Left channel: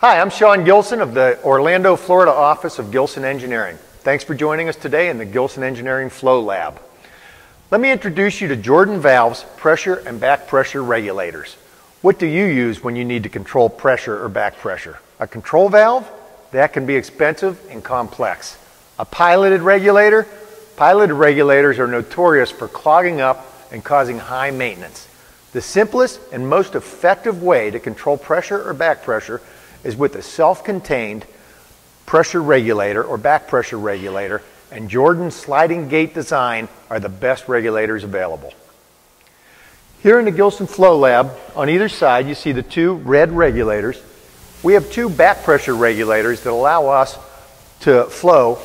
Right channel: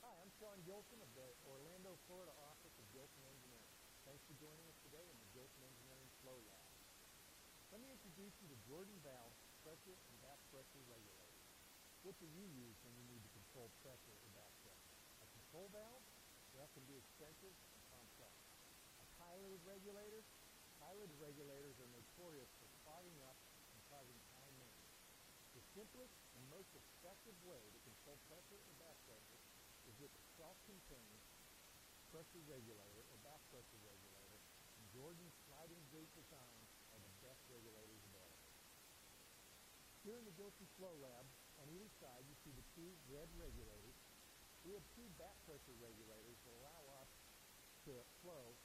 Hi, I'm Sean Gilson of the Orlando, Florida office of Gilson Engineering. Thanks for joining us today in the Gilson Engineering Flow Lab. Let me introduce you to Jordan Valve's pressure and back pressure regulators. What do you use when you need to control pressure or back pressure? A control valve? That can be expensive and complex. A piloted regulator? Piloted regulators are notorious for clogging up and causing high maintenance. The simplest and most effective way to control pressure or back pressure is with a self-contained pressure regulator or back pressure regulator, and Jordan's sliding gate design are the best regulators available. Here in the Gilson Flow Lab, on either side you see the two red regulators. We have two back pressure regulators that allow us to flow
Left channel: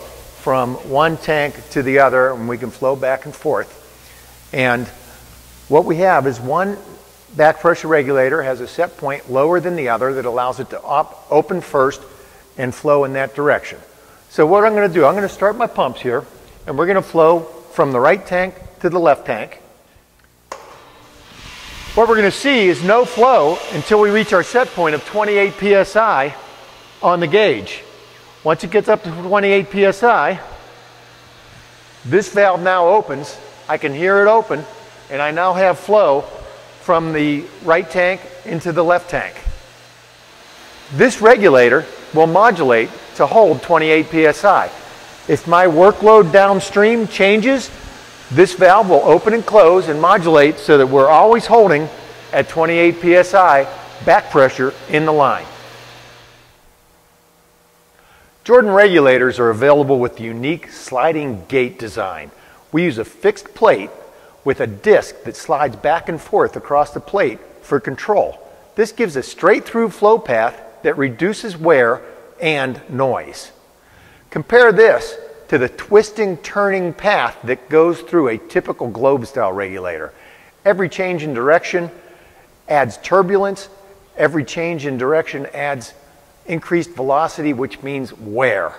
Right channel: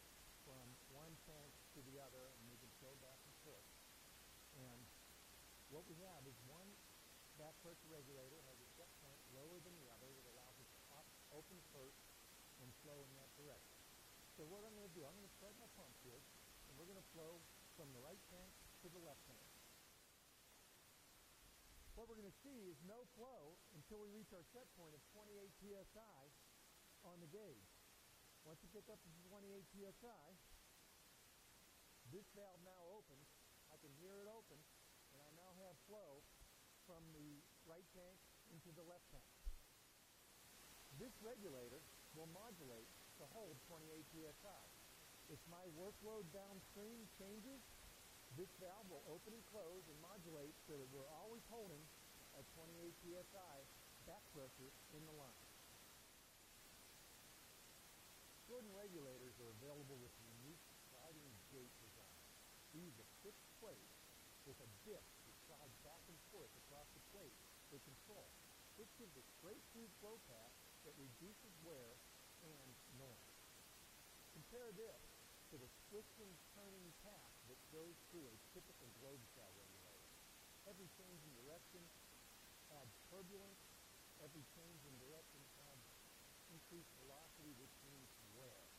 from one tank to the other, and we can flow back and forth. And what we have is one back pressure regulator has a set point lower than the other that allows it to open first and flow in that direction. So what I'm going to do, I'm going to start my pumps here, and we're going to flow from the right tank to the left tank. What we're going to see is no flow until we reach our set point of 28 psi on the gauge. Once it gets up to 28 psi, this valve now opens. I can hear it open, and I now have flow from the right tank into the left tank. This regulator will modulate to hold 28 psi. If my workload downstream changes, this valve will open and close and modulate so that we're always holding at 28 psi back pressure in the line. Jordan regulators are available with the unique sliding gate design. We use a fixed plate with a disc that slides back and forth across the plate for control. This gives a straight through flow path that reduces wear and noise. Compare this to the twisting, turning path that goes through a typical globe style regulator. Every change in direction adds turbulence. Every change in direction adds increased velocity, which means wear.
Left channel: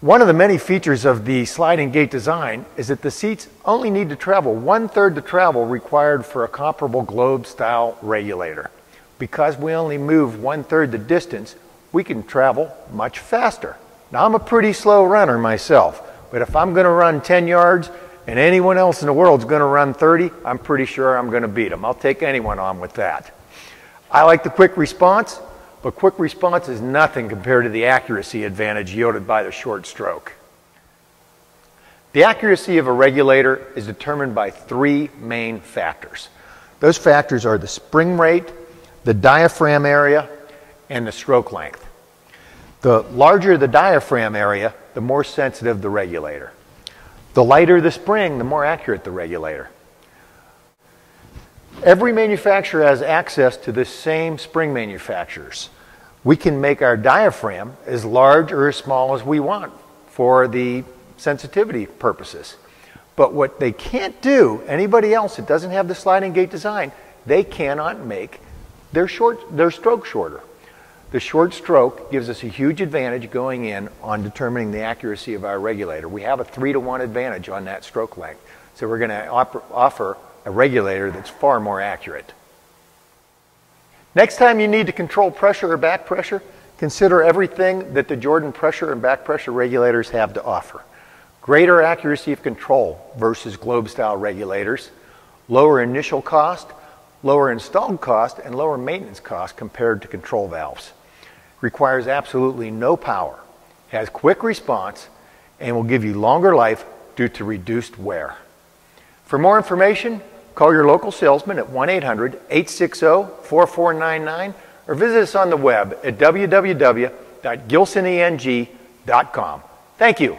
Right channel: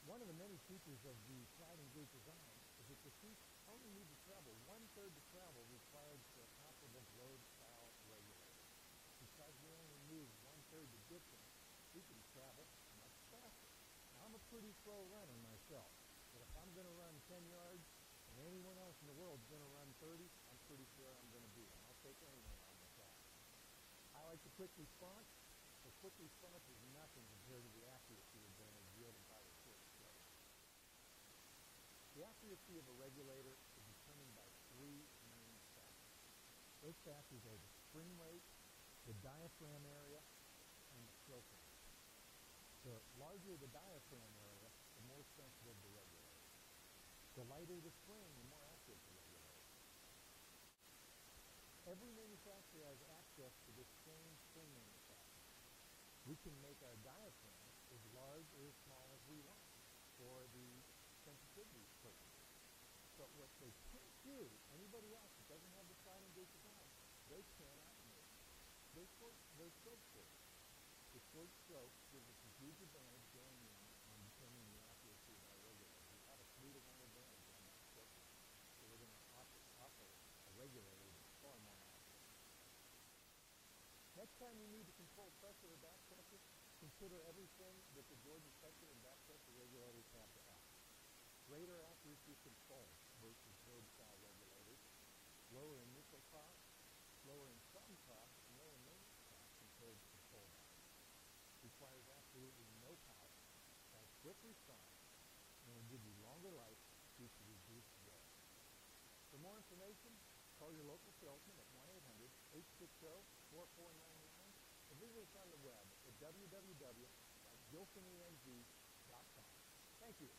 One of the many features of the sliding gate design is that the seats only need to travel 1/3 the travel required for a comparable globe style regulator. Because we only move 1/3 the distance, we can travel much faster. Now, I'm a pretty slow runner myself, but if I'm going to run 10 yards and anyone else in the world is going to run 30, I'm pretty sure I'm going to beat them. I'll take anyone on with that. I like the quick response, but quick response is nothing compared to the accuracy advantage yielded by the short stroke. The accuracy of a regulator is determined by three main factors. Those factors are the spring rate, the diaphragm area, and the stroke length. The larger the diaphragm area, the more sensitive the regulator. The lighter the spring, the more accurate the regulator. Every manufacturer has access to the same spring manufacturers. We can make our diaphragm as large or as small as we want for the sensitivity purposes. But what they can't do, anybody else that doesn't have the sliding gate design, they cannot make their stroke shorter. The short stroke gives us a huge advantage going in on determining the accuracy of our regulator. We have a 3-to-1 advantage on that stroke length. So we're going to offer a regulator that's far more accurate. Next time you need to control pressure or back pressure, consider everything that the Jordan pressure and back pressure regulators have to offer. Greater accuracy of control versus globe style regulators, lower initial cost, lower installed cost, and lower maintenance cost compared to control valves. Requires absolutely no power, has quick response, and will give you longer life due to reduced wear. For more information, call your local salesman at 1-800-860-4499 or visit us on the web at www.gilsoneng.com. Thank you.